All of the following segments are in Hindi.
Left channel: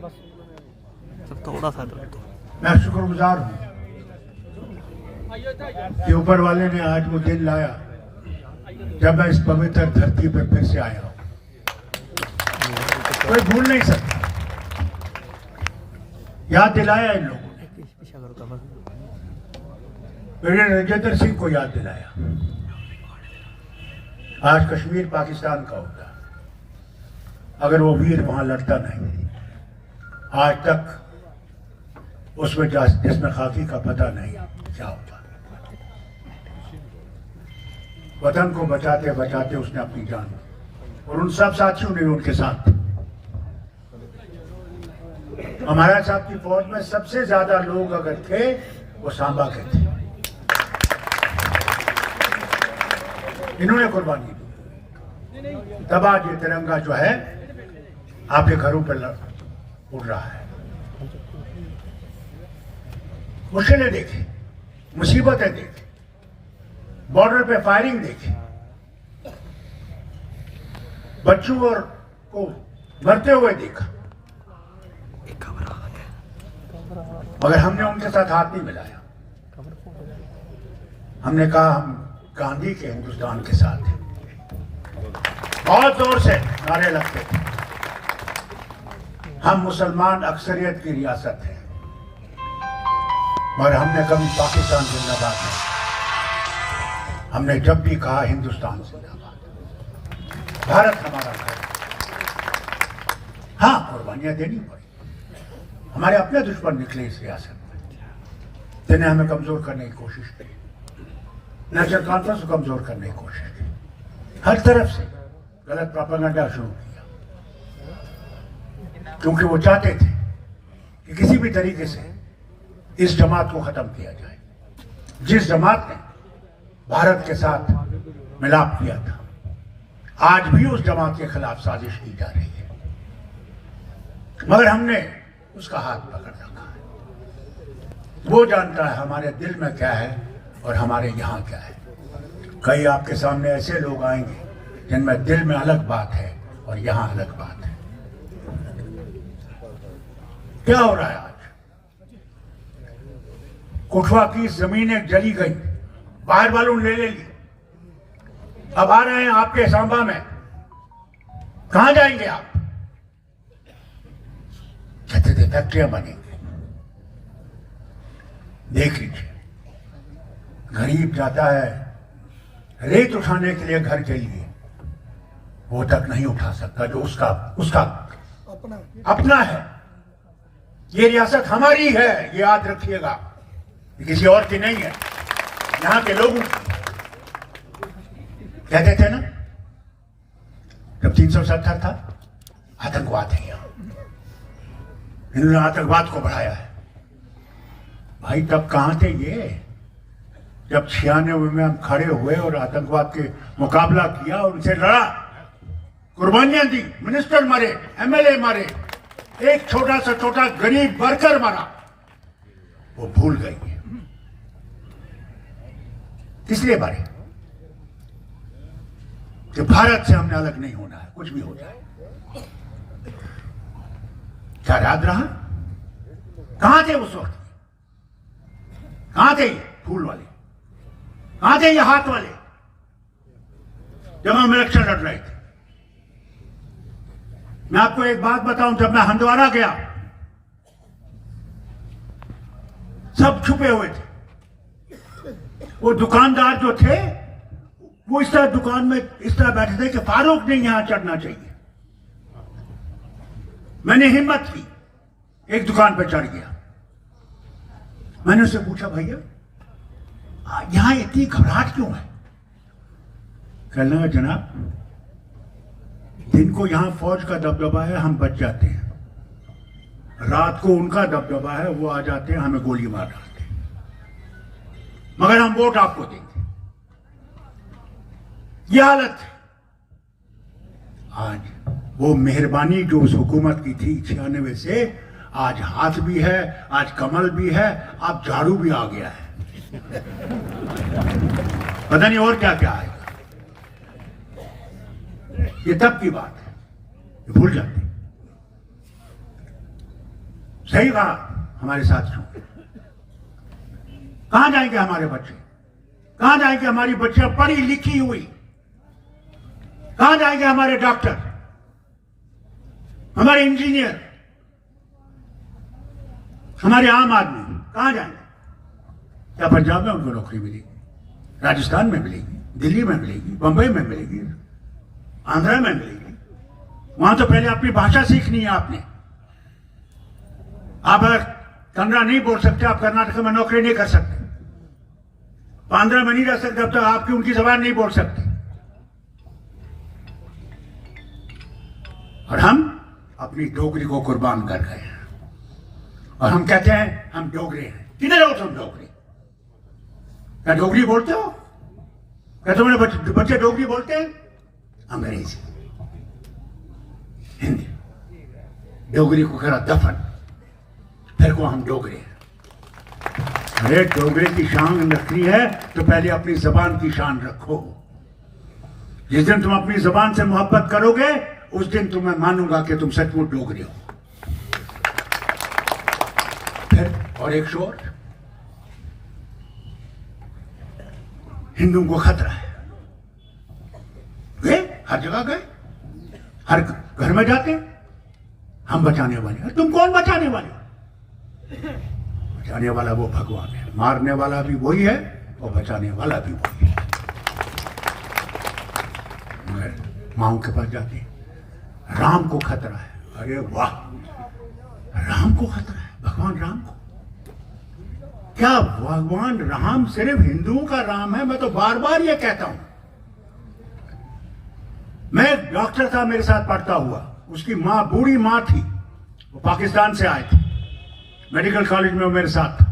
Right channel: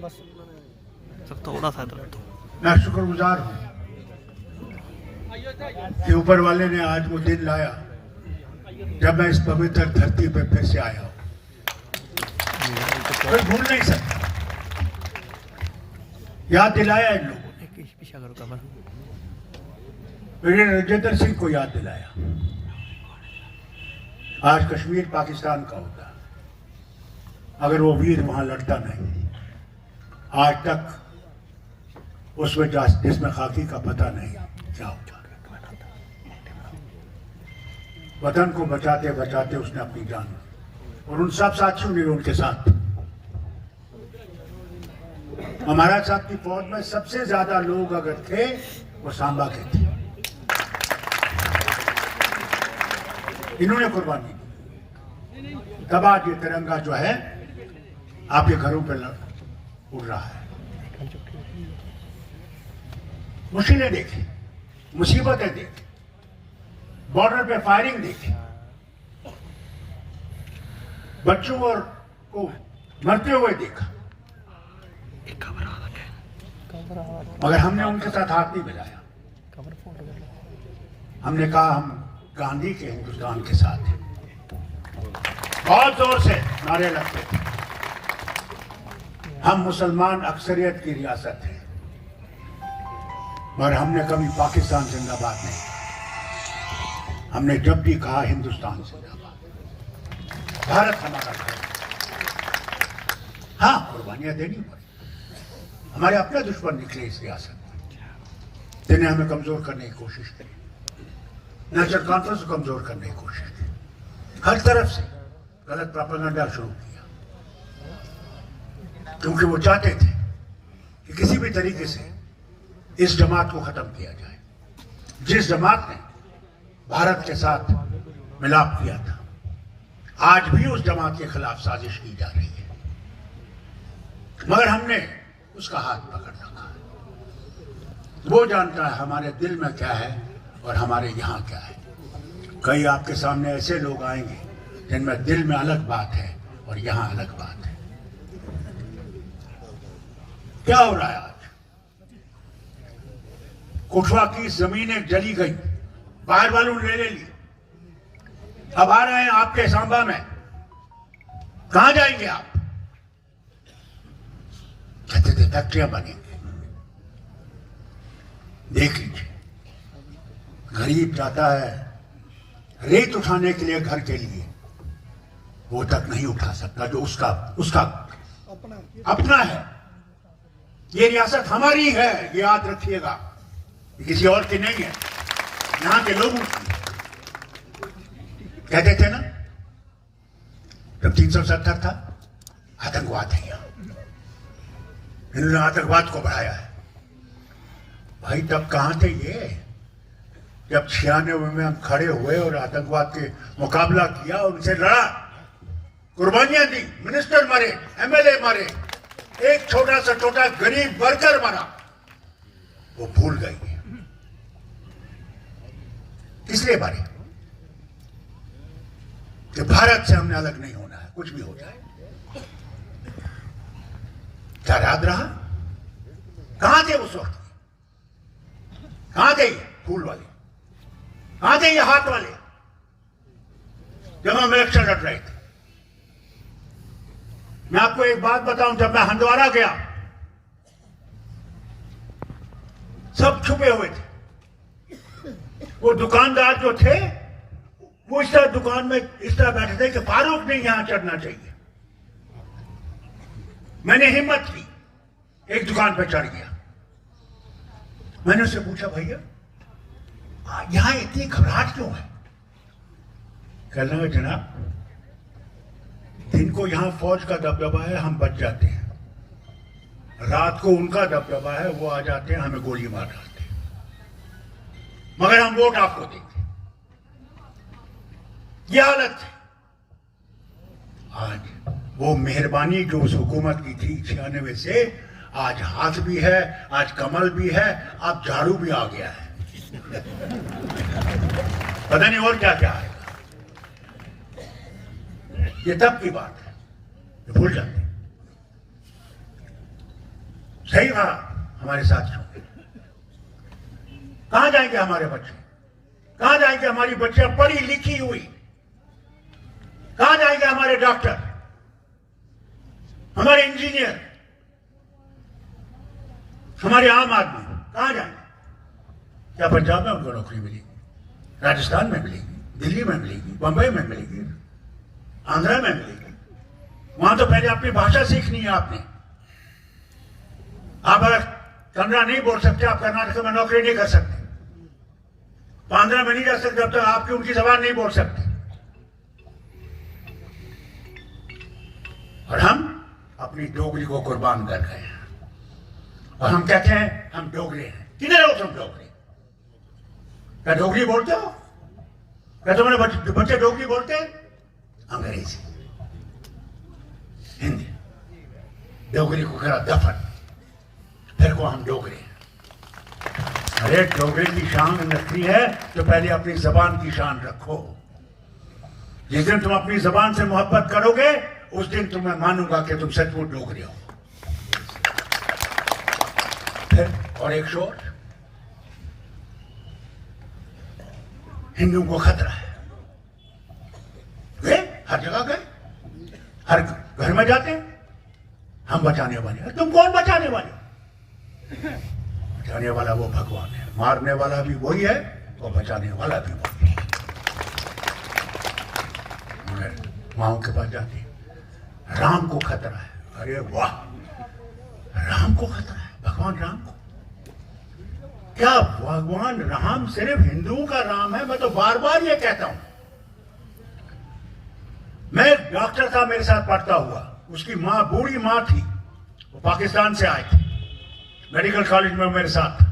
सब थोड़ा सा दर्द तो मैं शुक्रगुजार हूँ कि ऊपर वाले ने आज वो दिन लाया जब मैं इस पवित्र धरती पर फिर से आया हूँ। कोई भूल नहीं सकता। याद दिलाया इन लोगों ने, मेरे राजेंद्र सिंह को याद दिलाया। आज कश्मीर पाकिस्तान का होता अगर वो वीर वहां लड़ता नहीं, आज तक उसमें जिसमें खाकी का पता नहीं क्या होता। वतन को बचाते बचाते उसने अपनी जान, और उन सब साथियों ने उनके साथ। हमारा साहब की फौज में सबसे ज्यादा लोग अगर थे वो सांबा के थे। इन्होंने कुर्बानी दी, तब आज ये तिरंगा जो है आपके घरों पर उड़ रहा है। मुश्किलें देखी, मुसीबतें देखी, बॉर्डर पे फायरिंग देखी, बच्चों और को मरते हुए देखा, मगर हमने उनके साथ हाथ नहीं मिलाया। हमने कहा हम गांधी के हिंदुस्तान के साथ हैं। बहुत जोर से नारे लगते थे, हम मुसलमान अक्सरियत की रियासत हैं, मगर हमने कभी पाकिस्तान जिंदाबाद नहीं, हमने जब भी कहा हिंदुस्तान जिंदाबाद, भारत हमारा है। हाँ, कुर्बानियां देनी पड़ी, हमारे अपने दुश्मन निकले इस रियासत में, जिन्हें हमें कमजोर करने की कोशिश की, नेशनल कॉन्फ्रेंस को कमजोर करने की कोशिश की, हर तरफ से गलत प्रोपेगेंडा शुरू किया, क्योंकि वो चाहते थे कि किसी भी तरीके से इस जमात को खत्म किया जाए, जिस जमात ने भारत के साथ मिलाप किया था। आज भी उस जमात के खिलाफ साजिश की जा रही है, मगर हमने उसका हाथ पकड़ रखा है। वो जानता है हमारे दिल में क्या है और हमारे यहां क्या है। कई आपके सामने ऐसे लोग आएंगे जिनमें दिल में अलग बात है और यहां अलग बात है। क्या हो रहा है आज? कुठवा की जमीनें जली गई, बाहर वालों ने ले ली, अब आ रहे हैं आपके सांबा में। कहां जाएंगे आप? कहते थे फैक्ट्रियां बनेंगे। देख लीजिए, गरीब जाता है रेत उठाने के लिए घर के लिए, वो तक नहीं उठा सकता जो उसका अपना है। ये रियासत हमारी है, ये याद रखिएगा, किसी और की नहीं है, यहां के लोगों की। कहते थे ना जब 370 था, आतंकवाद है, इन्होंने आतंकवाद को बढ़ाया है। भाई तब कहां थे ये? जब 96 में हम खड़े हुए और आतंकवाद के मुकाबला किया, उनसे लड़ा, कुर्बानियां दी, मिनिस्टर मरे, एमएलए मरे, एक छोटा सा छोटा गरीब वर्कर मरा, वो भूल गई। इसलिए मारे कि भारत से हमने अलग नहीं होना है, कुछ भी हो जाए। क्या याद रहा? कहां थे उस वक्त? कहां थे फूल वाले? कहां थे ये हाथ वाले जब हम इलेक्शन लड़ रहे थे? मैं आपको एक बात बताऊं, जब मैं हंदवाड़ा गया, सब छुपे हुए थे। वो दुकानदार जो थे वो इस तरह दुकान में इस तरह बैठे थे कि फारूक ने यहां चढ़ना चाहिए। मैंने हिम्मत की, एक दुकान पर चढ़ गया। मैंने उससे पूछा, भैया यहां इतनी घबराहट क्यों है? कहने लगा, जनाब दिन को यहां फौज का दबदबा है, हम बच जाते हैं, रात को उनका दबदबा है, वो आ जाते हैं, हमें गोली मार डालते हैं, मगर हम वोट आपको देंगे। ये हालत है आज। वो मेहरबानी जो उस हुकूमत की थी 96 से, आज हाथ भी है, आज कमल भी है, अब झाड़ू भी आ गया है, पता नहीं और क्या क्या है। ये तब की बात है, भूल जाते। सही कहा हमारे साथियों, कहां जाएंगे हमारे बच्चे, कहां जाएंगे हमारी बच्चियां पढ़ी लिखी हुई, कहां जाएंगे हमारे डॉक्टर, हमारे इंजीनियर, हमारे आम आदमी कहां जाएंगे? क्या पंजाब में उनको नौकरी मिलेगी, राजस्थान में मिलेगी, दिल्ली में मिलेगी, बंबई में मिलेगी, आंध्रा में मिलेगी? वहां तो पहले अपनी भाषा सीखनी है आपने। आप अगर कन्नड़ा नहीं बोल सकते, आप कर्नाटक में नौकरी नहीं कर सकते, तो आंध्रा में नहीं रह सकते, अब तक आपकी उनकी जबान नहीं बोल सकते। और हम अपनी डोगरी को कुर्बान कर रहे हैं और हम कहते हैं हम डोगरे हैं। किधर हो तुम डोगरे? क्या डोगरी बोलते हो? क्या तुम्हारे बच्चे डोगरी बोलते हैं? अंग्रेजी, हिंदी, डोगरी को करा दफन, फिर को हम डोगरे हैं। अरे डोगरे की शान रखनी है तो पहले अपनी जबान की शान रखो। जिस दिन तुम अपनी जबान से मोहब्बत करोगे उस दिन तुम्हें मानूंगा कि तुम सचमुच डोगरे हो। फिर और एक शोर, हिंदुओं को खतरा है। गए हर जगह गए, हर घर में जाते, हम बचाने वाले। तुम कौन बचाने वाले? बचाने वाला वो भगवान है, मारने वाला भी वही है और बचाने वाला भी वही है। माओ के पास जाते हैं, राम को खतरा है। अरे वाह, राम को खतरा है, भगवान राम को। क्या भगवान राम सिर्फ हिंदुओं का राम है? मैं तो बार बार ये कहता हूं। मैं एक डॉक्टर था मेरे साथ पढ़ता हुआ, उसकी मां बूढ़ी मां थी, वो पाकिस्तान से आए थे, मेडिकल कॉलेज में मेरे साथ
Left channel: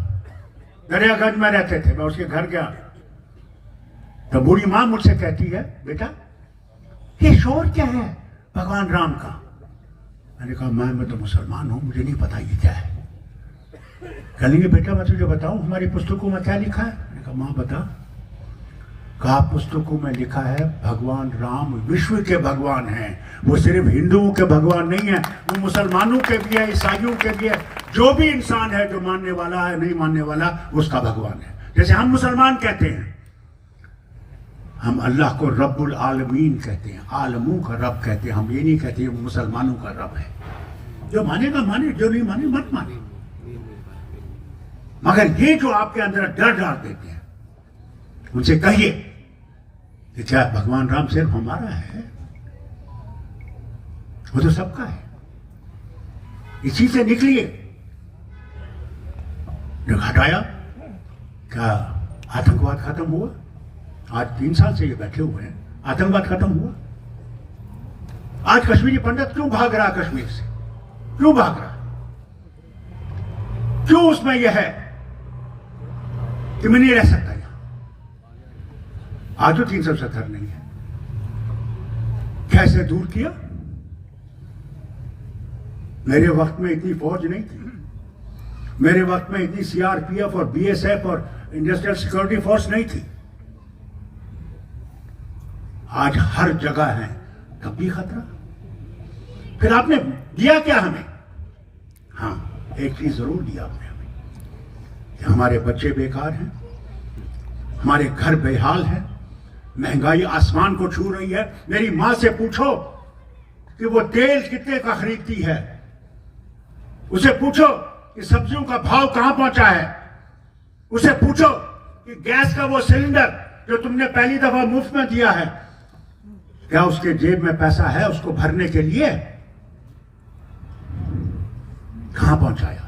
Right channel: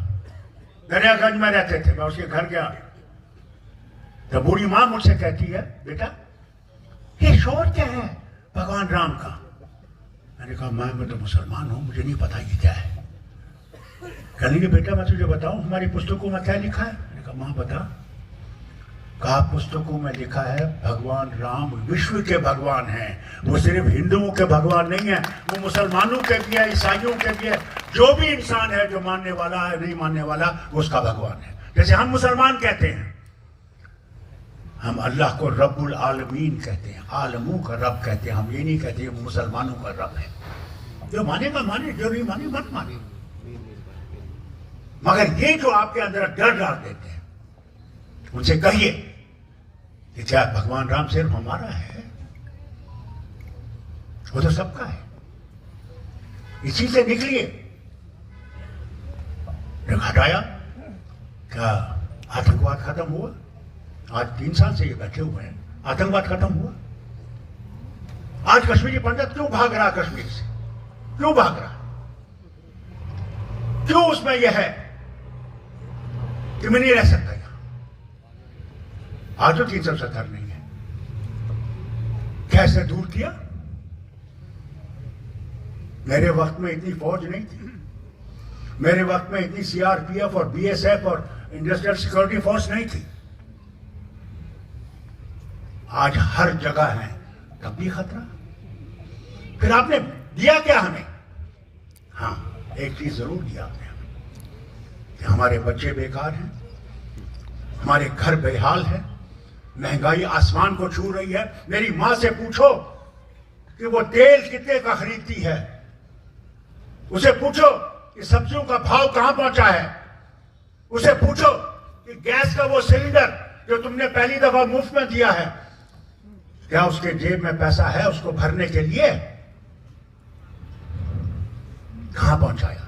दरियागंज में रहते थे, मैं उसके घर गया तो बूढ़ी मां मुझसे कहती है, बेटा ये शोर क्या है भगवान राम का? मैंने कहा मैं तो मुसलमान हूं, मुझे नहीं पता ये क्या है। कहेंगे बेटा मैं तुझे बताऊं हमारी पुस्तकों में क्या लिखा है? मैंने कहा मां बता। कहा पुस्तकों में लिखा है भगवान राम विश्व के भगवान हैं, वो सिर्फ हिंदुओं के भगवान नहीं है, वो मुसलमानों के भी है, ईसाइयों के भी है, जो भी इंसान है जो मानने वाला है नहीं मानने वाला वो उसका भगवान है। जैसे हम मुसलमान कहते हैं, हम अल्लाह को रब्बुल आलमीन कहते हैं, आलमों का रब कहते हैं, हम ये नहीं कहते वो मुसलमानों का रब है। जो मानेगा माने, जो नहीं माने मत माने। मगर ये जो आपके अंदर डर डाल देते हैं, उनसे कहिए कि क्या भगवान राम सिर्फ हमारा है? वो तो सबका है। इसी से निकलिए। हटाया क्या आतंकवाद खत्म हुआ? आज 3 साल से ये बैठे हुए हैं, आतंकवाद खत्म हुआ? आज कश्मीरी पंडित क्यों भाग रहा कश्मीर से? क्यों भाग रहा? क्यों उसमें यह है कि मैं नहीं रह सकता यहां? आज तो 370 नहीं है। कैसे दूर किया? मेरे वक्त में इतनी फौज नहीं थी, मेरे वक्त में इतनी सीआरपीएफ और बीएसएफ और इंडस्ट्रियल सिक्योरिटी फोर्स नहीं थी। आज हर जगह है, तब भी खतरा। फिर आपने दिया क्या हमें? हाँ, एक चीज जरूर दिया आपने हमें कि हमारे बच्चे बेकार हैं, हमारे घर बेहाल हैं, महंगाई आसमान को छू रही है। मेरी मां से पूछो कि वो तेल कितने का खरीदती है, उसे पूछो कि सब्जियों का भाव कहां पहुंचा है, उसे पूछो कि गैस का वो सिलेंडर जो तुमने पहली दफा मुफ्त में दिया है, क्या उसके जेब में पैसा है उसको भरने के लिए? कहां पहुंचाया?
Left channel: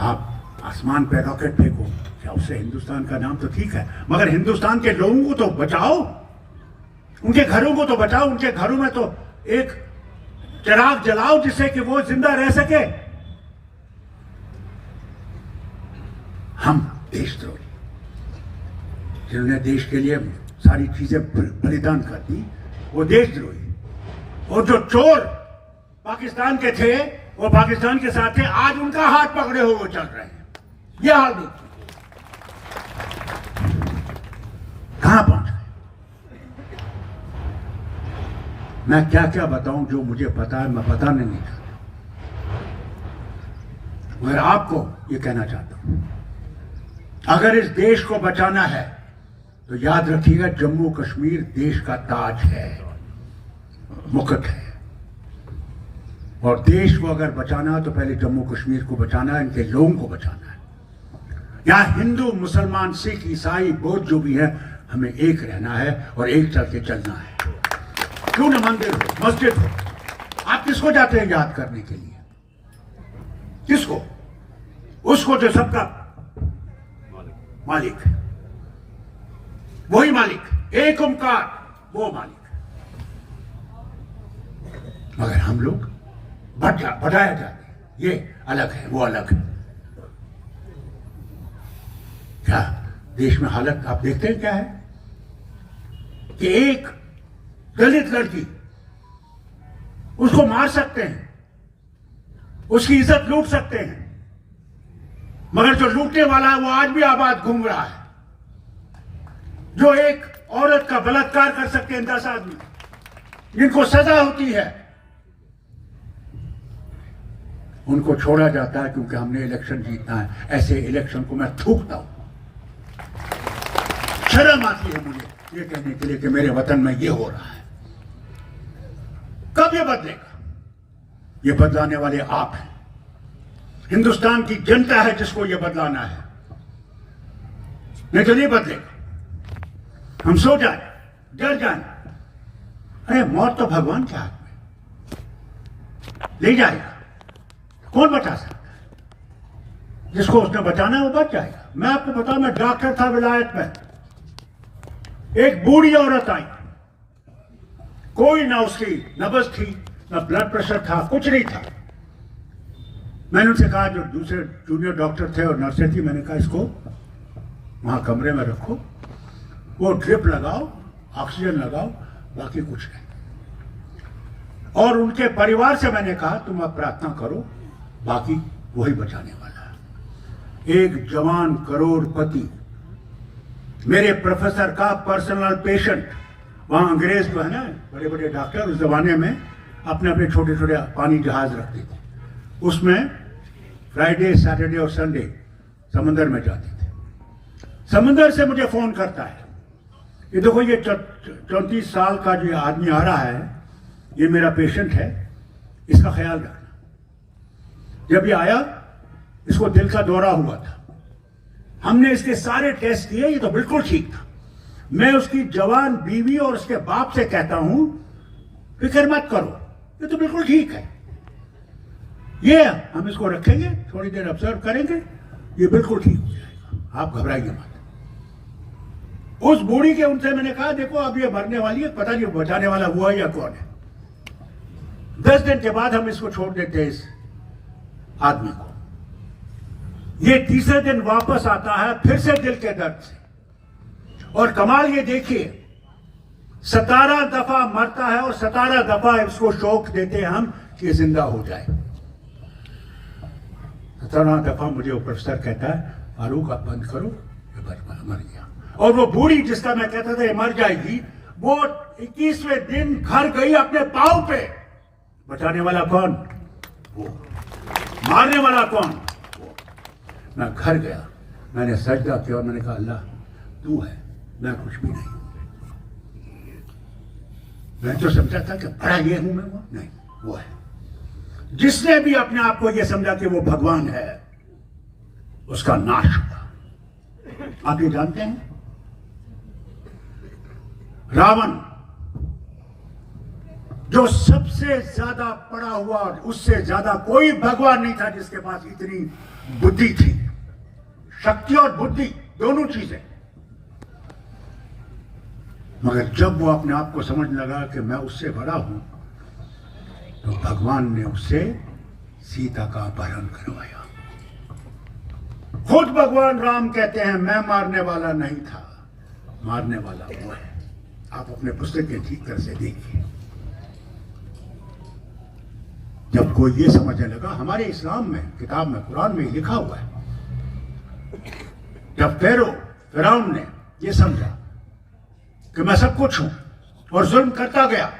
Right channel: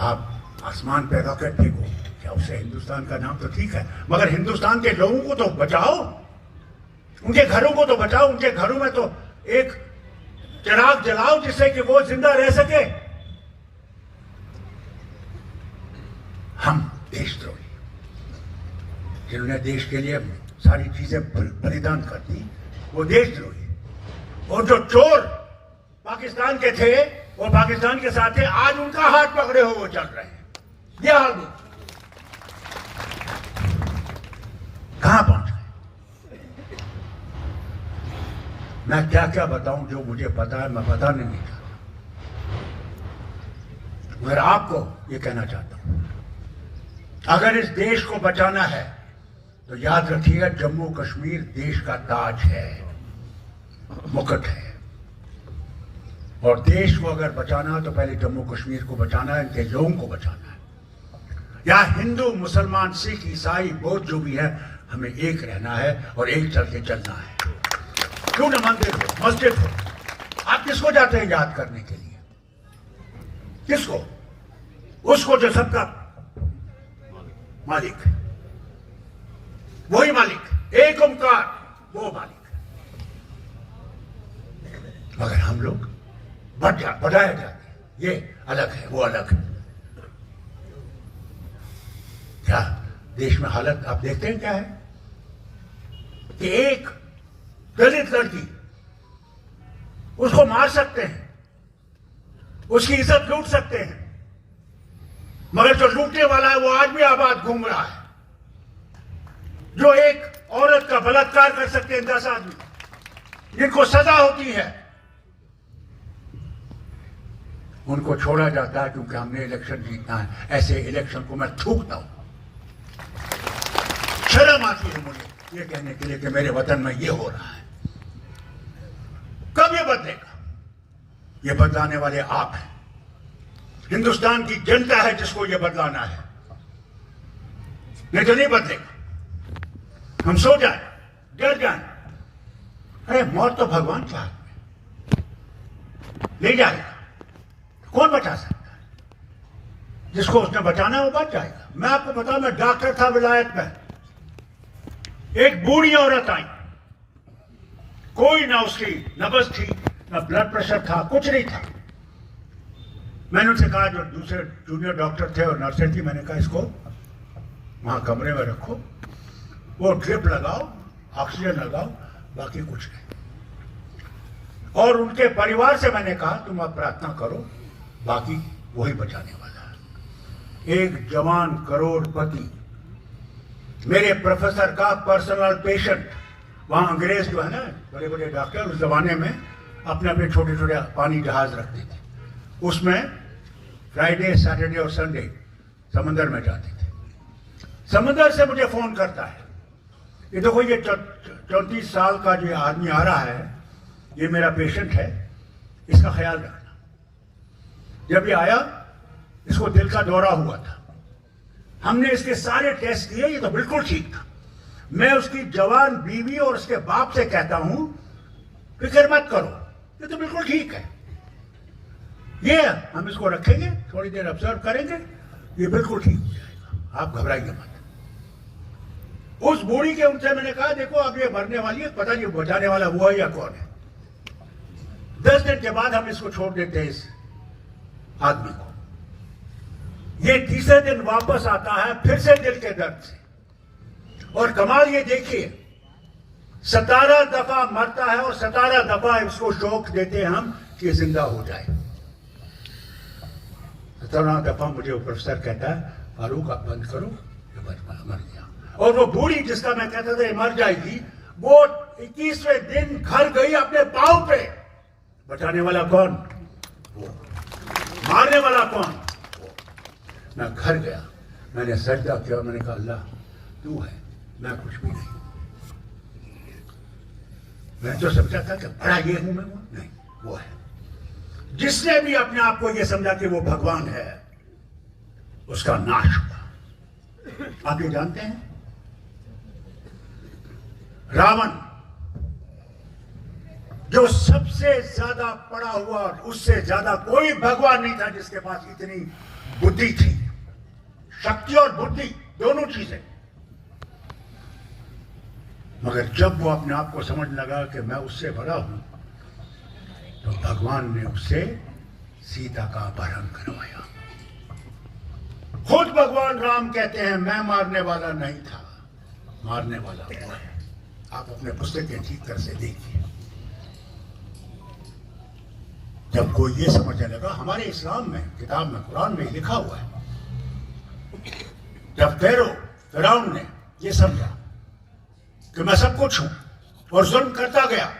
आप आसमान पे रॉकेट फेंको, क्या उससे हिंदुस्तान का नाम तो ठीक है, मगर हिंदुस्तान के लोगों को तो बचाओ, उनके घरों को तो बचाओ, उनके घरों में तो एक चिराग जलाओ जिससे कि वो जिंदा रह सके। हम देशद्रोही जिन्होंने देश के लिए सारी चीजें बलिदान कर दी, वो देशद्रोही। और जो चोर पाकिस्तान के थे वो पाकिस्तान के साथ थे, आज उनका हाथ पकड़े हुए वो चल रहे हैं। ये हाल देखिए कहां पहुंच गए। मैं क्या क्या बताऊं, जो मुझे पता है मैं बता नहीं था। मगर आपको ये कहना चाहता हूं, अगर इस देश को बचाना है तो याद रखिएगा, जम्मू कश्मीर देश का ताज है, मुकुट है। और देश को अगर बचाना है तो पहले जम्मू कश्मीर को बचाना है, इनके लोगों को बचाना है। यहां हिंदू, मुसलमान, सिख, ईसाई, बौद्ध जो भी है, हमें एक रहना है और एक चल के चलना है। क्यों न मंदिर हो, मस्जिद हो, आप किसको जाते हैं याद करने के लिए? किसको? उसको जो सबका मालिक, वही मालिक, एक ओंकार, वो मालिक। मगर हम लोग बढ़ाया जाते हैं, ये अलग है, वो अलग है। क्या देश में हालत आप देखते हैं क्या है कि एक दलित लड़की, उसको मार सकते हैं, उसकी इज्जत लूट सकते हैं, मगर जो लूटने वाला है वो आज भी आबाद घूम रहा है। जो एक औरत का बलात्कार कर सकते हैं 10 आदमी, जिनको सजा होती है, उनको छोड़ा जाता है क्योंकि हमने इलेक्शन जीतना है। ऐसे इलेक्शन को मैं थूकता हूं। शर्म आती है मुझे ये कहने के लिए कि मेरे वतन में ये हो रहा है। कब ये बदलेगा? ये बदलाने वाले आप हैं। हिंदुस्तान की जनता है जिसको ये बदलाना है, नहीं तो नहीं बदलेगा। हम सो जाए, डर जाए, अरे मौत तो भगवान के हाथ में, ले जाएगा, कौन बचा सकता है? जिसको उसने बचाना है वो बच जाएगा। मैं आपको बताऊं, मैं डॉक्टर था विलायत में, एक बूढ़ी औरत आई, कोई ना उसकी नब्ज थी, ना ब्लड प्रेशर था, कुछ नहीं था। मैंने उनसे कहा, जो दूसरे जूनियर डॉक्टर थे और नर्सें थी, मैंने कहा इसको वहां कमरे में रखो, वो ड्रिप लगाओ, ऑक्सीजन लगाओ, बाकी कुछ नहीं। और उनके परिवार से मैंने कहा तुम अब प्रार्थना करो, बाकी वही बचाने वाला है। एक जवान करोड़पति, मेरे प्रोफेसर का पर्सनल पेशेंट, वहां अंग्रेज जो है ना, बड़े बड़े डॉक्टर उस जमाने में अपने अपने छोटे छोटे पानी जहाज रखते थे, उसमें फ्राइडे, सैटरडे और संडे समंदर में जाते थे। समंदर से मुझे फोन करता है, ये देखो ये 34 साल का जो आदमी आ रहा है, ये मेरा पेशेंट है, इसका ख्याल रखना। जब ये आया, इसको दिल का दौरा हुआ था, हमने इसके सारे टेस्ट किए, ये तो बिल्कुल ठीक था। मैं उसकी जवान बीवी और उसके बाप से कहता हूं, फिक्र मत करो, ये तो बिल्कुल ठीक है, ये हम इसको रखेंगे, थोड़ी देर ऑब्जर्व करेंगे, ये बिल्कुल ठीक हो जाएगा, आप घबराइए मत। उस बूढ़ी के उनसे मैंने कहा, देखो अब ये मरने वाली है, पता नहीं बचाने वाला हुआ या कौन है। 10 दिन के बाद हम इसको छोड़ देते हैं, इस आदमी को। ये तीसरे दिन वापस आता है, फिर से दिल के दर्द से। और कमाल ये देखिए, 17 दफा मरता है और 17 दफा इसको शौक देते हैं हम कि जिंदा हो जाए। 17 दफा मुझे वो प्रोफेसर कहता है, फारूक आप बंद करो, मर गया। और वो बूढ़ी जिसका मैं कहता था ये मर जाएगी, वो 21वें दिन घर गई अपने पांव पे। बचाने वाला कौन? वो। मारने वाला कौन? वो। मैं घर गया, मैंने सजदा किया और मैंने कहा, अल्लाह तू है, मैं कुछ भी नहीं। मैं तो समझा था कि बड़ा ये हूं मैं, वो नहीं, वो है। जिसने भी अपने आप को यह समझा कि वो भगवान है, उसका नाश हुआ। आप ये जानते हैं, रावण जो सबसे ज्यादा पड़ा हुआ, उससे ज्यादा कोई भगवान नहीं था जिसके पास इतनी बुद्धि थी। शक्ति और बुद्धि दोनों चीजें। मगर जब वो अपने आप को समझ लगा कि मैं उससे बड़ा हूं, तो भगवान ने उससे सीता का अपहरण करवाया। खुद भगवान राम कहते हैं, मैं मारने वाला नहीं था, मारने वाला वो है। आप अपने पुस्तकें ठीक तरह से देखिए। जब कोई ये समझने लगा, हमारे इस्लाम में, किताब में, कुरान में लिखा हुआ है, जब फिरौन ने ये समझा कि मैं सब कुछ हूं और जुल्म करता गया,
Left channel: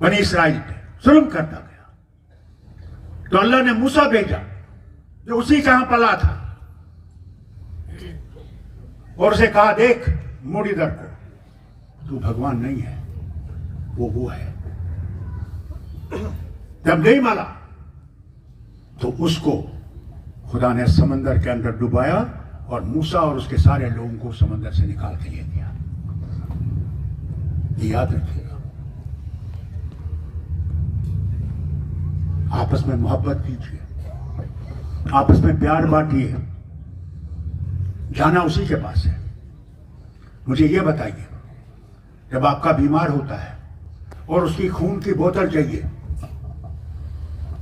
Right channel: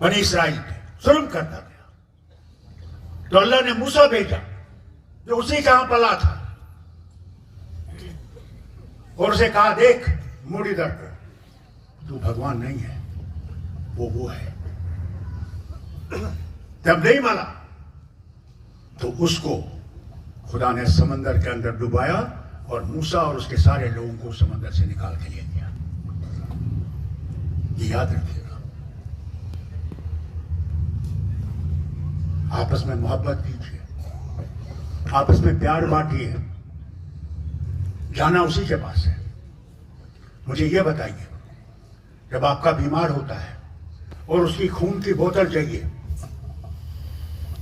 बनी इस्राइल पे जुल्म करता गया, तो अल्लाह ने मूसा भेजा जो उसी का यहां पला था, और उसे कहा, देख मुरलीधर को, तू भगवान नहीं है, वो है। जब नहीं माना तो उसको खुदा ने समंदर के अंदर डुबाया और मूसा और उसके सारे लोगों को समंदर से निकाल के ले गया। ये याद रखिएगा। आपस में मोहब्बत कीजिए, आपस में प्यार बांटिए। जाना उसी के पास है। मुझे ये बताइए, जब आपका बीमार होता है और उसकी खून की बोतल चाहिए,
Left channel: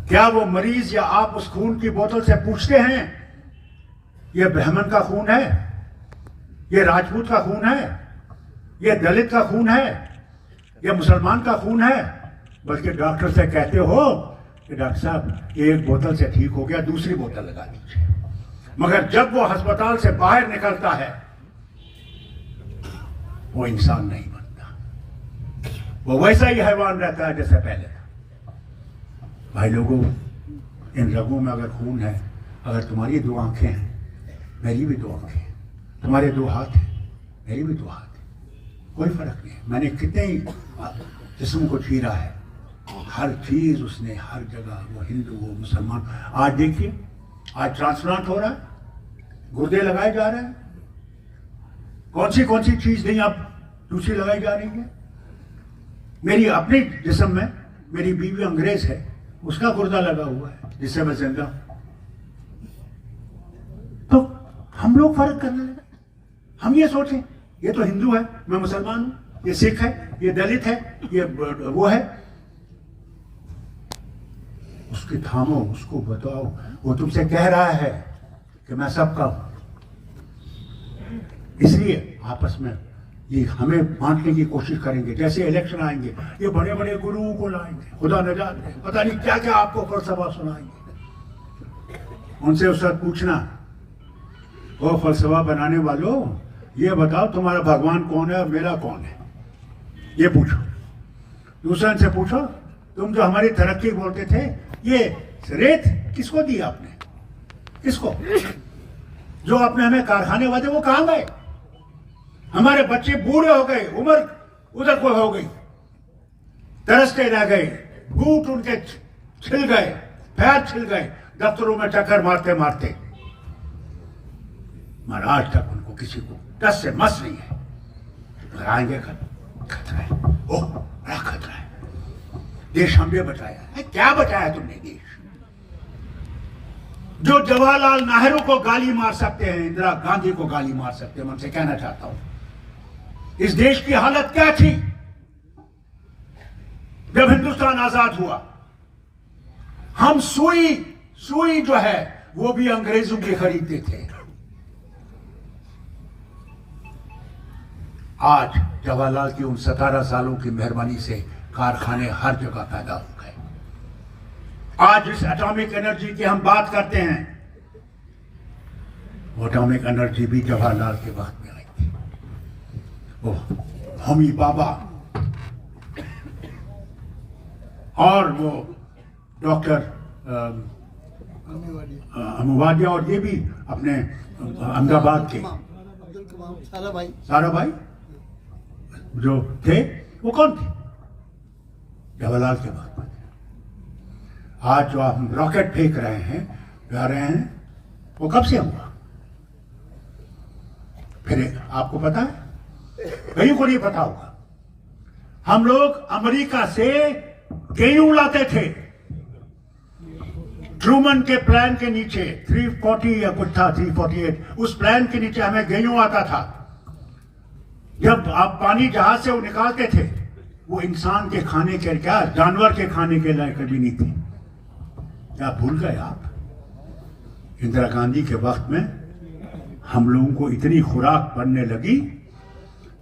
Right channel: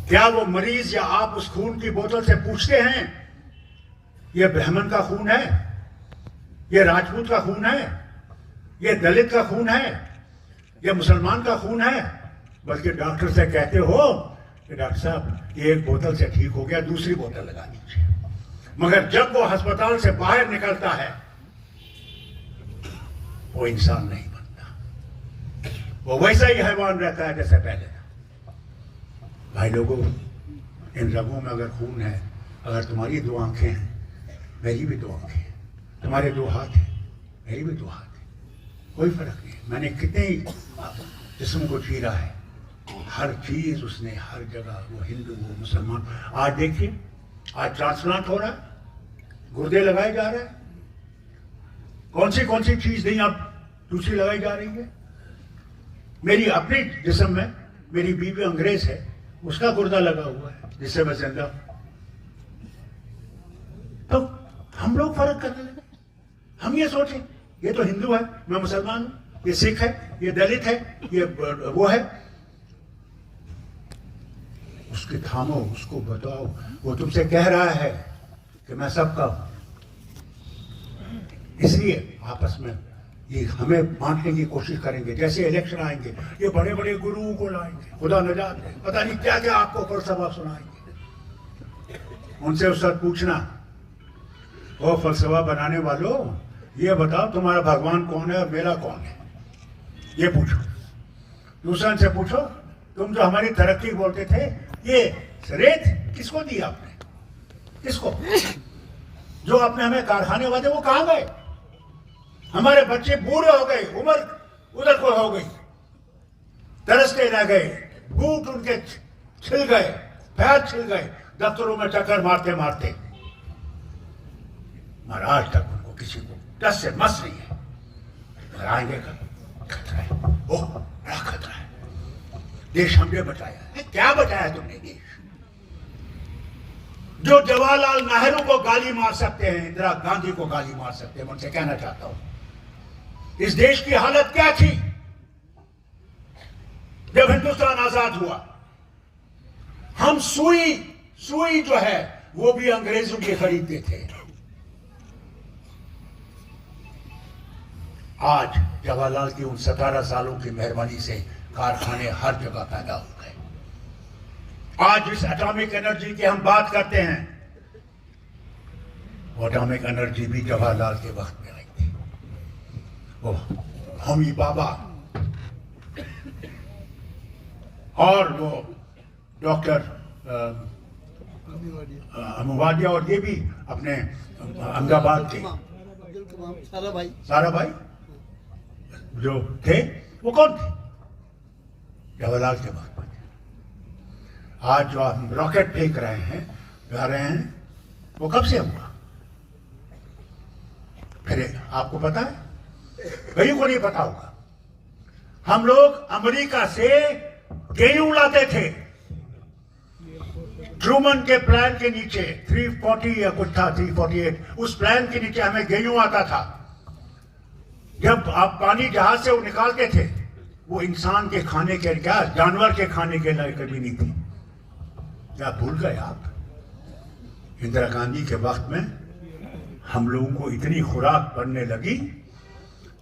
क्या वो मरीज या आप उस खून की बोतल से पूछते हैं, ये ब्राह्मण का खून है, ये राजपूत का खून है, ये दलित का खून है, ये मुसलमान का खून है? बल्कि डॉक्टर से कहते हो कि डॉक्टर साहब ये एक बोतल से ठीक हो गया, दूसरी बोतल लगा दीजिए। मगर जब वो अस्पताल से बाहर निकलता है, वो इंसान नहीं बनता, वो वैसा ही हैवान रहता है जैसे पहले। भाई लोगों, इन रगों में अगर खून है, अगर तुम्हारी 2 आंखें हैं, मेरी भी 2 आंखें हैं, तुम्हारे 2 हाथ हैं, मेरी भी 2 हाथ हैं, कोई फर्क नहीं है। मैंने कितने ही जिस्म को चीरा है, हर चीज उसने, हर जगह, वो हिंदू वो मुसलमान। आज देखिए, आज ट्रांसप्लांट हो रहा है, गुर्दे लगाए जा रहे हैं, कौन सी चीज नहीं अब दूसरी लगाई जा रही है। मेरी अपनी जिस्म में मेरी बीवी अंग्रेज है, उसका गुर्दा लगा हुआ है जिससे मैं जिंदा हूं। तो हम लोग फर्क करने लगे। हम ये सोचें, ये तो हिंदू है, मैं मुसलमान हूं, ये सिख है, ये दलित है, ये वो है। उसके थामो, उसको बताओ, वो तुमसे कह रहा है कि मैं सबका हूं। इसलिए आपस में ये हमें बांटने की कोशिश करेंगे। जैसे इलेक्शन आएंगे, ये बड़े बड़े गुरुओं को लाएंगे, खुदा न जाने पता नहीं क्या क्या आपको फलसफा सुनाएंगे। उनसे उस वक्त पूछना, वो फलसफा बनाने वालों, ये बताओ तुम्हारा भगवान कौन है और मेरा कौन है, ये पूछो। दूसरे से पूछो, तुम जो हमारी तरक्की बोलते थे, ये रेत किसको दी आपने, किसको? जो आपने हमें कारखाने वादे, वो कहां गए? हमारे बच्चे बूढ़े हो गए, उम्र उधर को हो गई, तरसते रह गए, बूट उनके छिल गए, पैर छिल गए, दफ्तरों में चक्कर मारते मारते। मगर आज तक उनको किसी को टस से मस नहीं है। आएंगे खतरा है, ओह बड़ा खतरा है। देश हमने बचाया है, क्या बचाया तुमने देश? जो जवाहरलाल नेहरू को गाली मार सकते हैं, इंदिरा गांधी को गाली मार सकते हैं, मैं उनसे कहना चाहता हूं, इस देश की हालत क्या थी जब हिंदुस्तान आजाद हुआ? हम सुई जो है वो भी अंग्रेजों के खरीदते थे। आज जवाहरलाल की उन 17 सालों की मेहरबानी से कारखाने हर जगह पैदा हो गए। आज इस एटॉमिक एनर्जी की हम बात करते हैं, वो एटॉमिक एनर्जी भी जवाहरलाल के वक्त में आई थी। वो होमी बाबा और वो डॉक्टर अमुवादिया और ये भी अपने अहमदाबाद के सारा भाई जो थे, वो कौन थे? जवाहरलाल के वक्त में। आज जो हम रॉकेट फेंक रहे हैं, जा रहे हैं, वो कब से हुआ? फिर आपको पता है, कहीं को नहीं पता होगा। हम लोग अमेरिका से गेहूं लाते थे, ट्रूमन के प्लान के नीचे 340 या कुछ था 348, उस प्लान के नीचे हमें गेहूं आता था। जब आप पानी जहाज से वो निकालते थे, वो इंसान के खाने के, क्या जानवर के खाने के लायक कभी नहीं थी। क्या भूल गए आप? इंदिरा गांधी के वक्त में हम लोगों को इतनी खुराक पड़ने लगी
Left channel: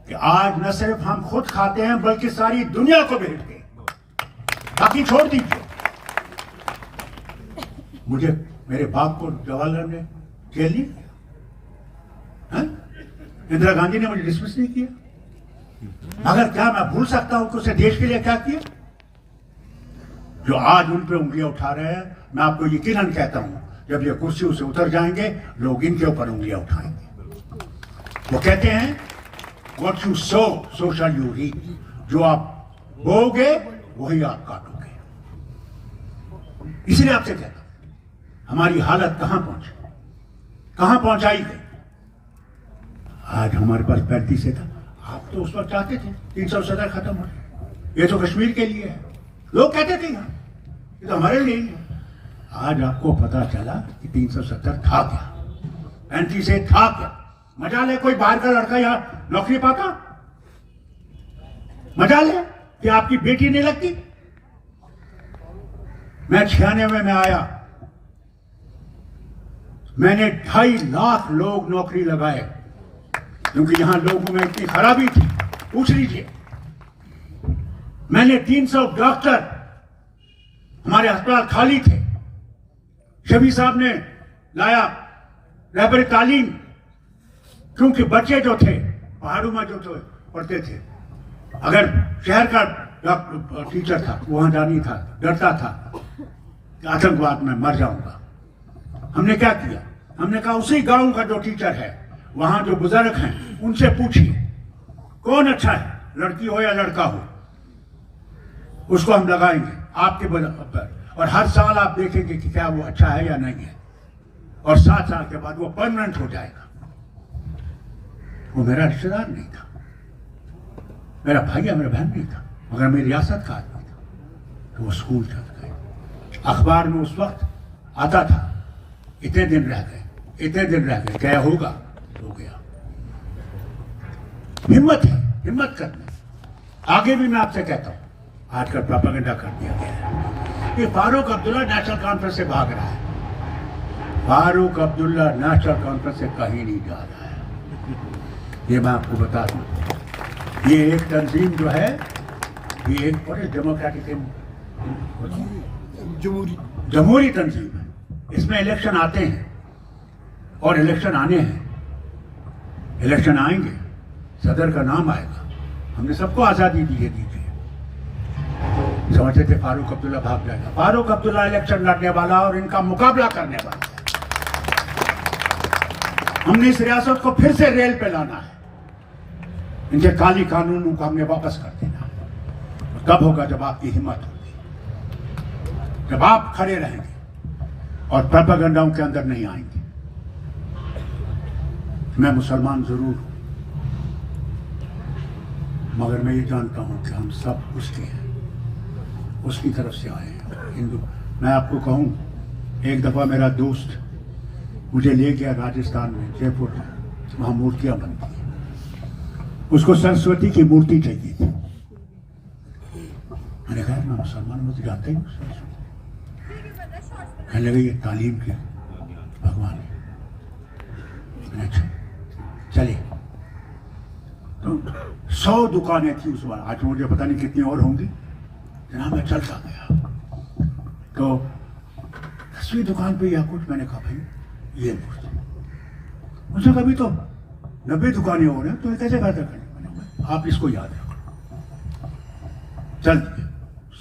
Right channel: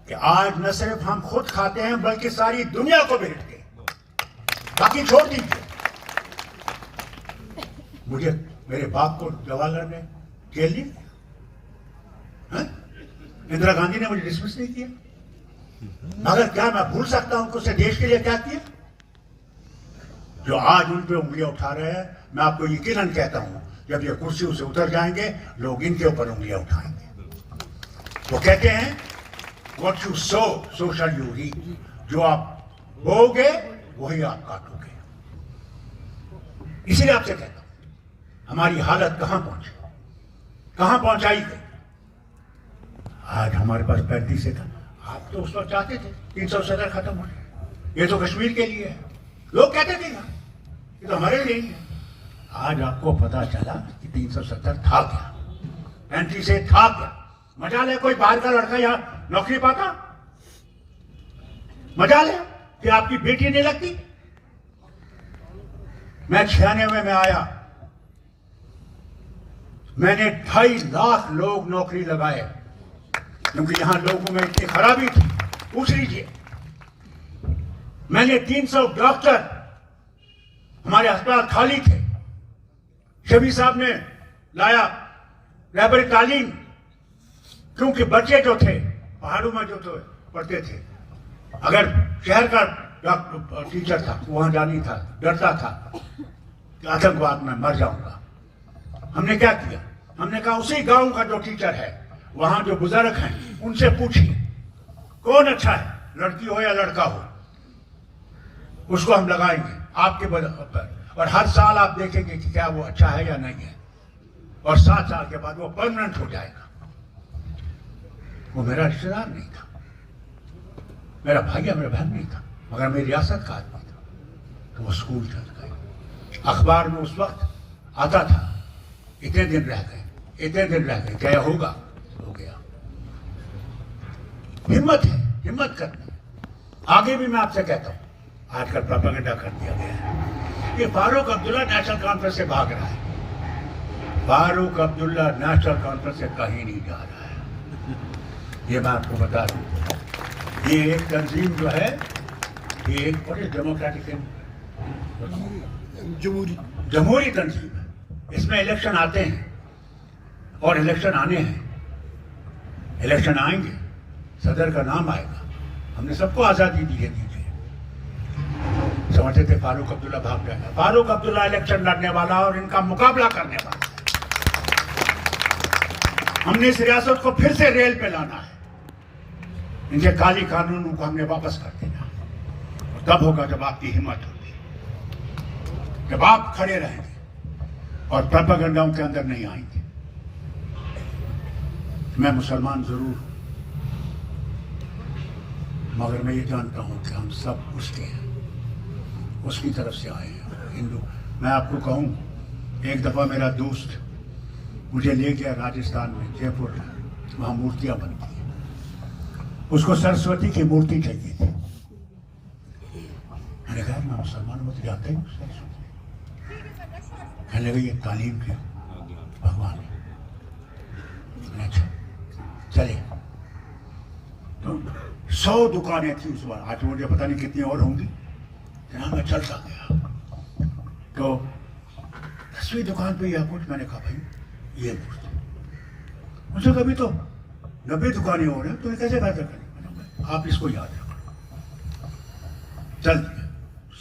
कि आज न सिर्फ हम खुद खाते हैं बल्कि सारी दुनिया को भेजते हैं। बाकी छोड़ दीजिए। मुझे मेरे बाप को जवाहरलाल ने जेल नहीं किया, इंदिरा गांधी ने मुझे डिसमिस नहीं किया। मगर क्या मैं भूल सकता हूं कि उसने देश के लिए क्या किया? जो आज उन पे उंगलियां उठा रहे हैं, मैं आपको यकीनन कहता हूं जब ये कुर्सी से उतर जाएंगे लोग इनके ऊपर उंगलियां उठाएंगे। वो कहते हैं what you sow so shall you reap, जो आप बोओगे वही आप काटोगे। इसलिए आपसे कहता हूं हमारी हालत कहां पहुंची, कहां पहुंचाई गई। आज हमारे पास 35 था, आप तो उस वक्त चाहते थे 370 खत्म हो, ये तो कश्मीर के लिए है, लोग कहते थे यार ये तो हमारे लिए ही है। आज आपको पता चला कि 370 था क्या, 35 से था क्या। मजा ले कोई बाहर का लड़का यहाँ नौकरी पाता, मजा ले कि आपकी बेटी नहीं लगती। मैं 96 में आया, मैंने 2.5 लाख लोग नौकरी लगाए, क्योंकि यहां लोगों में इतनी खराबी थी, पूछ लीजिए। मैंने 300 डॉक्टर, हमारे अस्पताल खाली थे, शबी साहब ने लाया रहबरी तालीम, क्योंकि बच्चे जो थे पहाड़ों में जो तो पढ़ते थे, अगर शहर का डॉक्टर टीचर था वहां जानी था, डरता था कि आतंकवाद में मर जाऊंगा। हमने क्या किया, हमने कहा उसी गांव का जो टीचर है, वहां जो बुजुर्ग हैं उनसे पूछिए कौन अच्छा है, लड़की हो या लड़का हो, उसको हम लगाएंगे आपके बल पर, और हर साल आप देखेंगे कि क्या वो अच्छा है या नहीं है, और 7 साल के बाद वो परमानेंट हो जाएगा। वो मेरा रिश्तेदार नहीं था, मेरा भाई या मेरा बहन नहीं था, मगर मेरी रियासत का आदमी था। तो वो स्कूल चल गए, अखबार में उस वक्त आता था इतने दिन रह गए, इतने दिन रह गए, क्या होगा, हो गया। हिम्मत है, हिम्मत करना। आगे भी मैं आपसे कहता हूं, आजकल प्रोपेगेंडा कर दिया गया कि फारूक अब्दुल्ला नेशनल कॉन्फ्रेंस से भाग रहा है। फारूक अब्दुल्ला नेशनल कॉन्फ्रेंस से कहीं नहीं जा रहा है, ये मैं आपको बता दूं। ये एक तंजीम जो है, ये एक बड़े डेमोक्रेटिक जमहूरी तंजीम है। इसमें इलेक्शन आते हैं और इलेक्शन आने हैं, इलेक्शन आएंगे, सदर का नाम आएगा, हमने सबको आजादी दी है, दीजिए। समझते थे फारूक अब्दुल्ला भाग जाएगा, फारूक अब्दुल्ला इलेक्शन लड़ने वाला और इनका मुकाबला करने वाला। हमने इस रियासत को फिर से रेल पे लाना है, इनके काली कानूनों को हमने वापस कर देना है। कब होगा, जब आपकी हिम्मत होगी, जब आप खड़े रहेंगे और प्रोपेगेंडाओं के अंदर नहीं आएंगे। मैं मुसलमान जरूर हूं, मगर मैं ये जानता हूं कि हम सब उसके हैं, उसकी तरफ से आए हैं, हिंदू। मैं आपको कहूं, एक दफा मेरा दोस्त मुझे ले गया राजस्थान में, जयपुर में, वहां मूर्तियां बनती हैं, उसको सरस्वती की मूर्ति चाहिए थी। मैंने कहा मैं मुसलमान में जाते हूँ सरस्वती, कहने लगे ये तालीम के भगवान है। अच्छा चले, तो 100 दुकानें थी उस बार, आज मुझे पता नहीं कितनी और होंगी। जहाँ मैं चलता गया तो 10वीं दुकान पे या कुछ, मैंने कहा भाई ये मुझे कभी तो 90 दुकानें हो रही हैं, तो ये कैसे बेहतर करें, आप इसको याद रखो। चल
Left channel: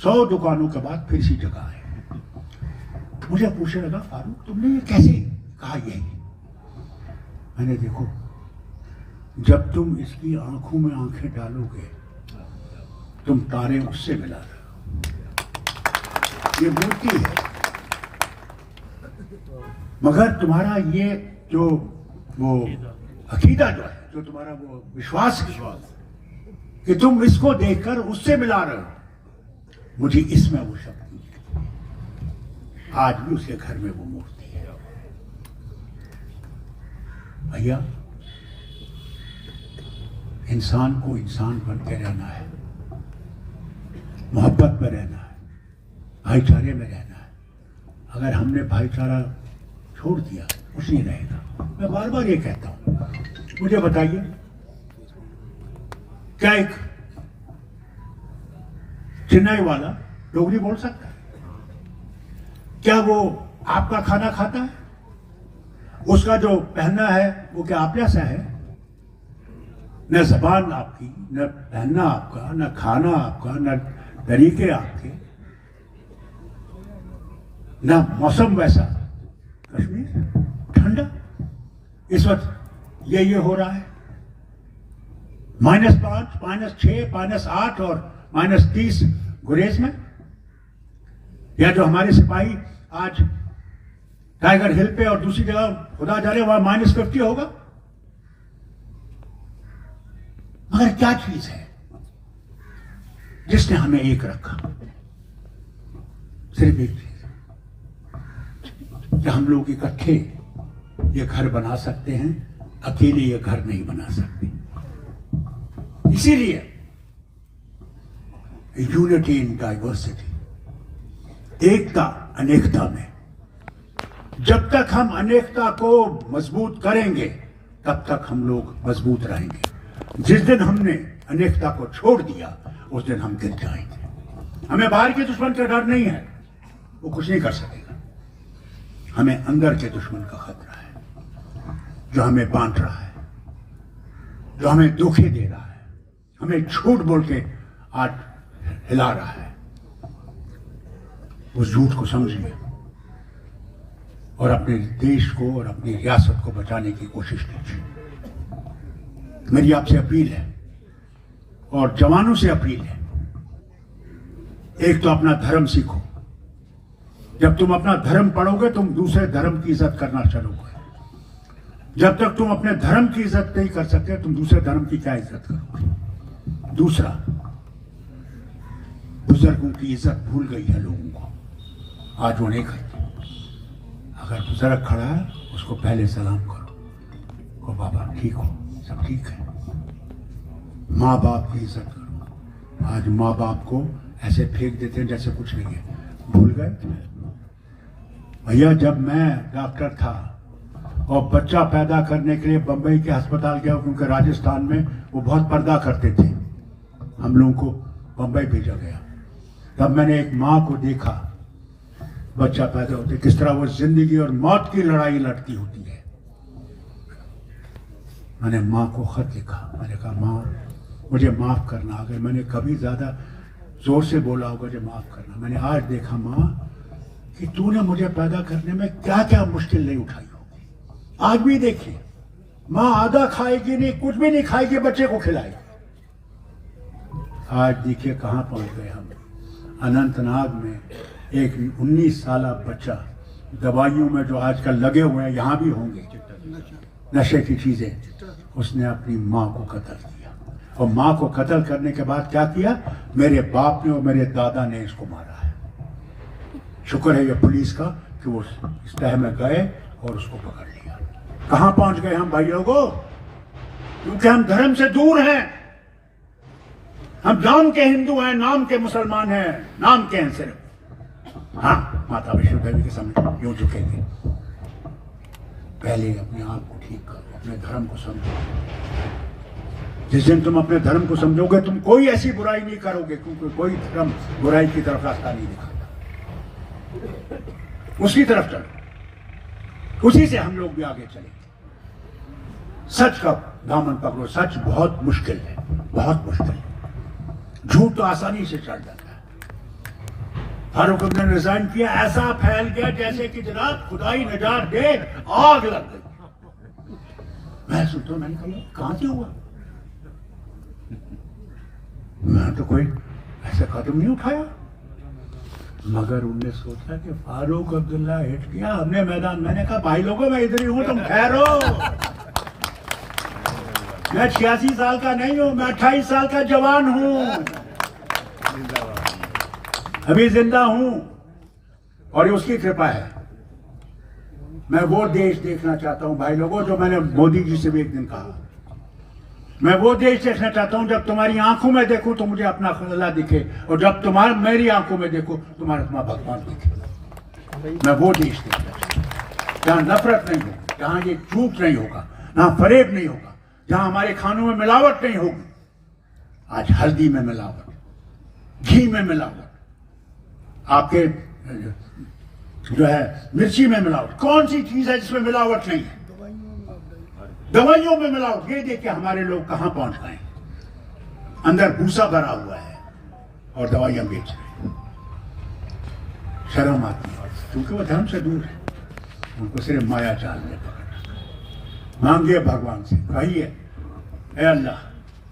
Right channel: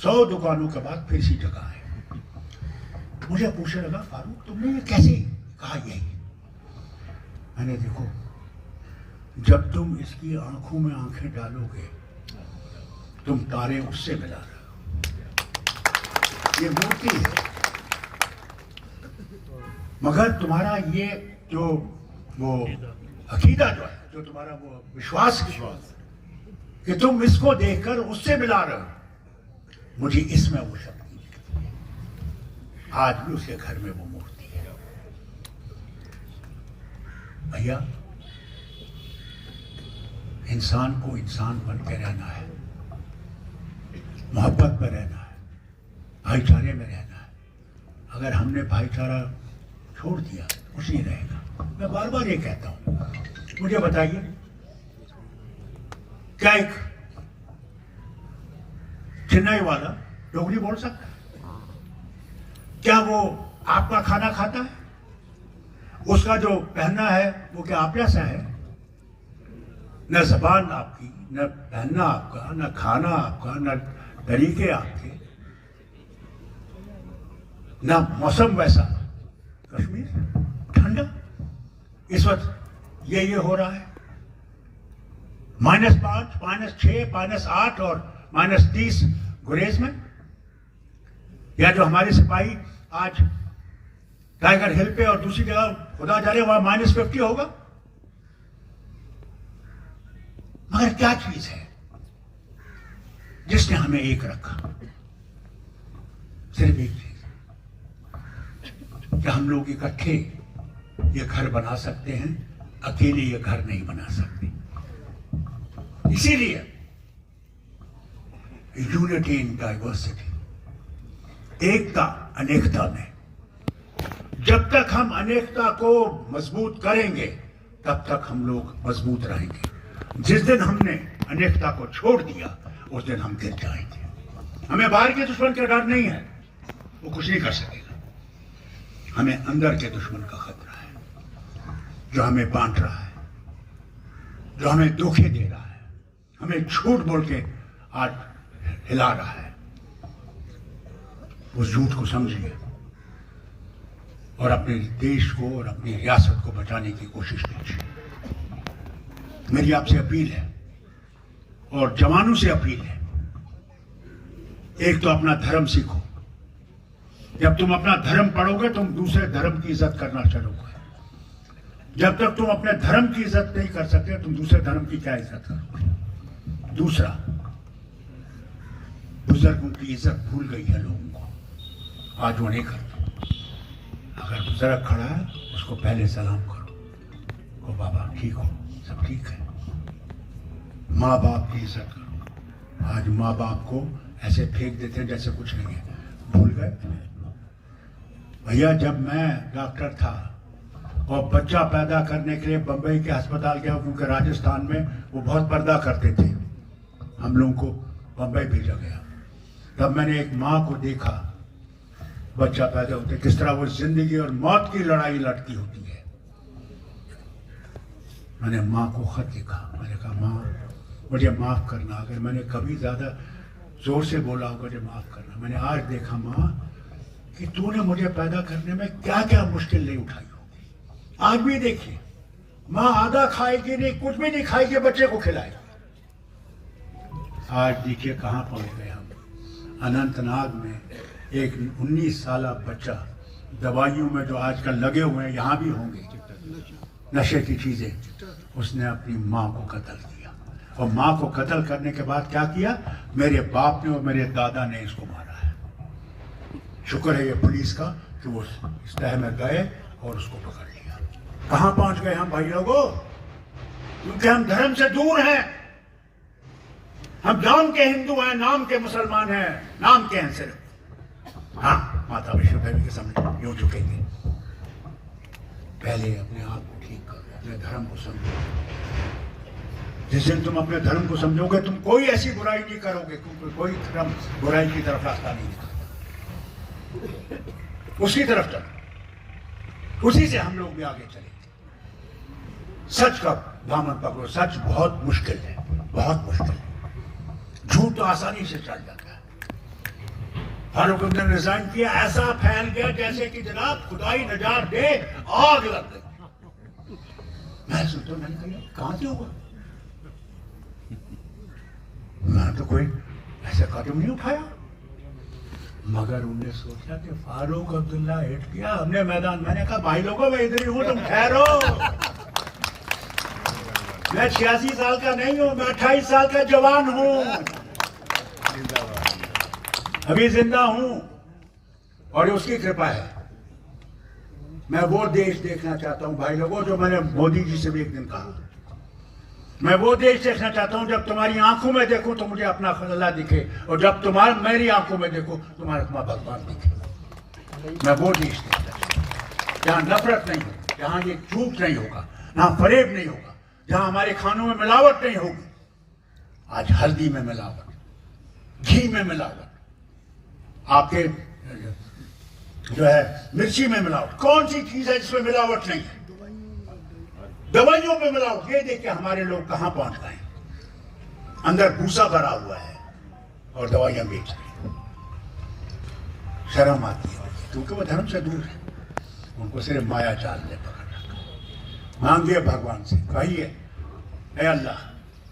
100 दुकानों के बाद फिर इसी जगह आए, मुझे पूछने लगा फारूक तुमने ये कैसे कहा, यही मैंने, देखो जब तुम इसकी आंखों में आंखें डालोगे तुम तारे उससे मिला रहे हो, ये मूर्ति है, मगर तुम्हारा ये जो वो अकीदा जो है, जो तुम्हारा वो विश्वास कि तुम इसको देखकर उससे मिला रहे हो, मुझे इसमें वो शक्ति है। आज भी उसके घर में वो मूर्ति है। भैया इंसान को इंसान बन के रहना है, मोहब्बत में रहना है, भाईचारे में रहना है। अगर हमने भाईचारा छोड़ दिया कुछ नहीं रहेगा। मैं बार बार ये कहता हूं, मुझे बताइए क्या एक चेन्नई वाला डोगरी बोल सकता है? क्या वो आपका खाना खाता है? उसका जो पहनना है वो क्या आप जैसा है? न जबान आपकी, न पहनना आपका, न खाना आपका, न तरीके आपके, न मौसम वैसा कश्मीर ठंडा, इस वक्त ये हो रहा है -5, -6, -8 और -30 गुरेज में। या जो हमारे सिपाही आज टाइगर हिल पे और दूसरी जगह खुदा जा रहे वहां -50 होगा। मगर क्या चीज है जिसने हमें एक रखा? सिर्फ एक चीज कि हम लोग इकट्ठे ये घर बना सकते हैं, अकेले ये घर नहीं बना सकते। इसीलिए यूनिटी इन डाइवर्सिटी, एकता अनेकता में। जब तक हम अनेकता को मजबूत करेंगे तब तक हम लोग मजबूत रहेंगे। जिस दिन हमने अनेकता को छोड़ दिया उस दिन हम गिर जाएंगे। हमें बाहर के दुश्मन का डर नहीं है, वो कुछ नहीं कर सकेगा। हमें अंदर के दुश्मन का खतरा है, जो हमें बांट रहा है, जो हमें धोखे दे रहा है, हमें झूठ बोल के आज हिला रहा है। उस झूठ को समझिए और अपने देश को और अपनी रियासत को बचाने की कोशिश कीजिए। मेरी आपसे अपील है और जवानों से अपील है, एक तो अपना धर्म सीखो। जब तुम अपना धर्म पढ़ोगे तुम दूसरे धर्म की इज्जत करना चलोगे। जब तक तुम अपने धर्म की इज्जत नहीं कर सकते तुम दूसरे धर्म की क्या इज्जत करोगे? दूसरा, बुजुर्गों की इज्जत भूल गई है लोगों को, आज वो नहीं करते। अगर बुजुर्ग खड़ा है उसको पहले सलाम करो, ओ बाबा ठीक हो, सब ठीक है। माँ बाप की इज्जत करो। आज माँ बाप को ऐसे फेंक देते हैं जैसे कुछ नहीं है, भूल गए। भैया जब मैं डॉक्टर था और बच्चा पैदा करने के लिए बंबई के अस्पताल गया, क्योंकि राजस्थान में वो बहुत पर्दा करते थे, हम लोगों को बंबई भेजा गया। तब मैंने एक माँ को देखा, बच्चा पैदा होते किस तरह वो जिंदगी और मौत की लड़ाई लड़ती होती है। मैंने माँ को खत लिखा, मैंने कहा माँ मुझे माफ करना, अगर मैंने कभी ज्यादा जोर से बोला होगा मुझे माफ करना। मैंने आज देखा माँ कि तूने मुझे पैदा करने में क्या क्या मुश्किल नहीं उठाई होगी। आज भी देखिए, माँ आधा खाएगी नहीं, कुछ भी नहीं खाएगी, बच्चे को खिलाएगी। आज देखिए कहाँ पहुंच गए हम। अनंतनाग में एक 19 साल बच्चा दवाइयों में जो आजकल लगे हुए हैं, यहाँ भी होंगे नशे की चीजें, उसने अपनी माँ को कत्ल किया। और माँ को कत्ल करने के बाद क्या किया? मेरे बाप ने और मेरे दादा ने इसको मारा है। शुक्र है ये पुलिस का कि वो इस तह में गए और उसको पकड़ लिया। कहाँ पहुंच गए हम भाइयों को? क्योंकि हम धर्म से दूर हैं। हम नाम के हिंदू हैं, नाम के मुसलमान हैं, नाम के हैं सिर्फ। हाँ, माता वैष्णो देवी के सामने यूं झुकेंगे। पहले अपने आप को ठीक करो, अपने धर्म को समझो। जिस दिन तुम अपने धर्म को समझोगे तुम कोई ऐसी बुराई नहीं करोगे, क्योंकि कोई धर्म बुराई की तरफ रास्ता नहीं दिखाता। उसकी तरफ चलो, उसी से हम लोग भी आगे चले। सच का दामन पकड़ो। सच बहुत मुश्किल है, बहुत मुश्किल है। झूठ तो आसानी से चल जाता है। फारूक ने रिजाइन किया, ऐसा फैल गया जैसे कि जनाब खुदाई नजात दे, आग लग गई। मैं सोचता मैंने कहा कहां से हुआ? मैं तो कोई ऐसा कदम नहीं उठाया। मगर उनने सोचा कि फारूक अब्दुल्ला हिट किया, हमने मैदान। मैंने कहा भाई लोगों मैं इधर ही हूं, तुम ठहरो। मैं 86 साल का नहीं हूं, मैं 28 साल का जवान हूं, अभी जिंदा हूं और ये उसकी कृपा है। मैं वो देश देखना चाहता हूं भाई लोगों, जो मैंने मोदी जी से भी एक दिन कहा। मैं वो देश देखना चाहता हूं जब तुम्हारी आंखों में देखूं तो मुझे अपना अल्लाह दिखे, और जब तुम्हारे मेरी आंखों में देखो तुम्हारा तुम्हारा भगवान दिखे। मैं वो देश देखना चाहता हूं जहां नफरत नहीं होगी, जहां ये झूठ नहीं होगा, जहां फरेब नहीं होगा, जहां हमारे खानों में मिलावट नहीं होगी। आज हल्दी में मिलावट, घी में मिलावट, आपके जो है मिर्ची में मिलावट। कौन सी चीज है जिसमें मिलावट नहीं है? दवाइयों में मिलावट। ये देख के हमारे लोग कहां पहुंच गए। अंदर भूसा भरा हुआ है और दवाइयां बेच रहे हैं। शर्म आती है क्योंकि वो धर्म से दूर है। उनको सिर्फ माया जाल ने पकड़ रखा। मांगिए भगवान से, कहिए ऐ अल्लाह,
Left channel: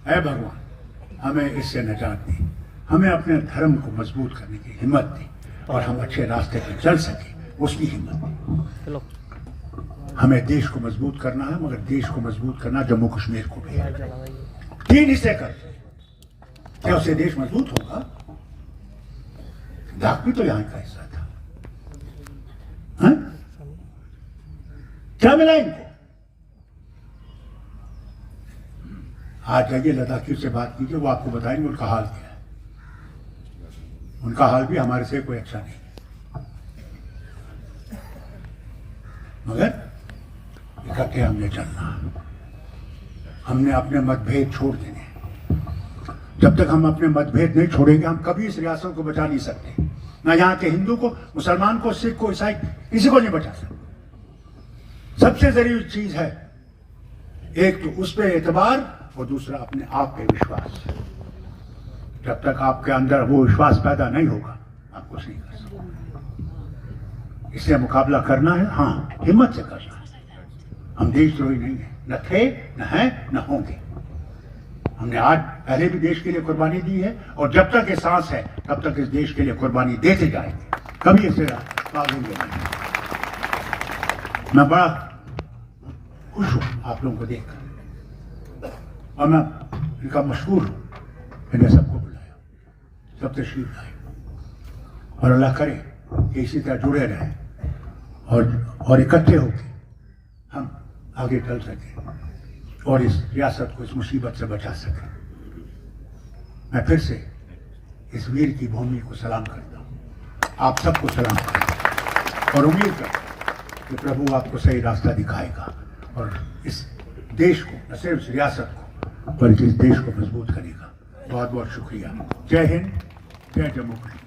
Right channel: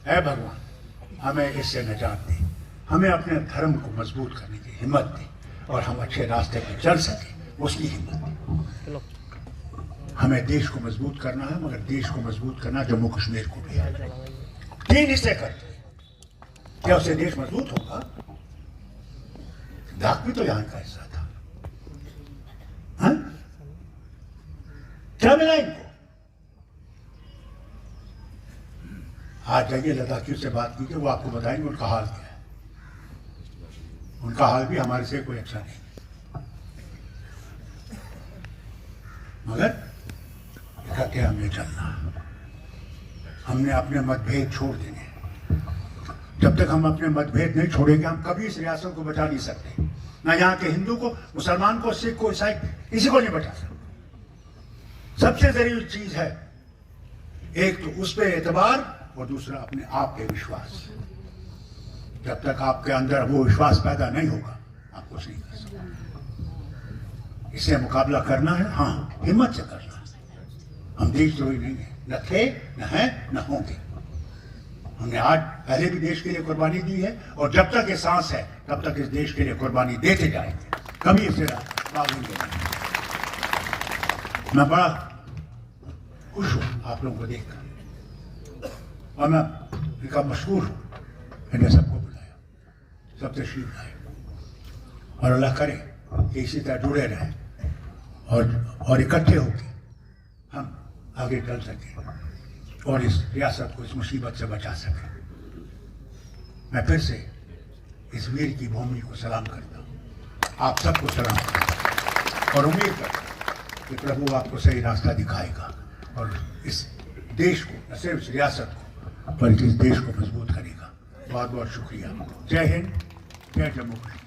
ऐ भगवान, हमें इससे निजात दी, हमें अपने धर्म को मजबूत करने की हिम्मत दी और हम अच्छे रास्ते पर चल सके, उसकी हिम्मत दी। हमें देश को मजबूत करना है, मगर देश को मजबूत करना जम्मू कश्मीर को भी है। 3 हिस्से करते क्या उससे देश मजबूत होगा? लद्दाख भी तो यहाँ का हिस्सा था। हाँ? क्या मिला इनको? आज जाइए लद्दाखियों से बात कीजिए, वो आपको बताएंगे उनका हाल क्या है। उनका हाल भी हमारे से कोई अच्छा नहीं, मगर इकट्ठे हमने चलना, हमने अपने मतभेद छोड़ देने। जब तक हम अपने मतभेद नहीं छोड़ेंगे, हम कभी इस रियासत को बचा नहीं सकते। ना यहाँ के हिंदू को, मुसलमान को, सिख को, ईसाई, किसी को नहीं बचा सकते। सबसे जरूरी चीज है एक तो उस पर एतबार और दूसरा अपने आप पे विश्वास। जब तक आपके अंदर वो विश्वास पैदा नहीं होगा, आप कुछ नहीं कर सकते। इससे मुकाबला करना है, हाँ, हिम्मत से करना है। हम देशद्रोही नहीं है, न थे, न हैं, न होंगे। हमने आज पहले भी देश के लिए कुर्बानी दी है और जब तक ये सांस है तब तक इस देश के लिए कुर्बानी देते जाएंगे, कभी इसे बात नहीं करेंगे। मैं बड़ा खुश हूं आप लोगों को देखकर और मैं इनका मशहूर हूं, मैंने सबको बुलाया, सब तशरीफ लाए और अल्लाह करे कि इसी तरह जुड़े रहें और इकट्ठे होकर हम आगे चल सकें और इस रियासत को इस मुसीबत से बचा सकें। मैं फिर से इस वीर की भूमि को सलाम करता हूँ, आप सबको सलाम करता हूँ और उम्मीद करता हूँ कि प्रभु आपको सही रास्ता दिखाएगा और इस देश को, न सिर्फ इस रियासत को बल्कि इस देश को मजबूत करेगा। बहुत बहुत शुक्रिया। जय हिंद, जय जम्मू कश्मीर।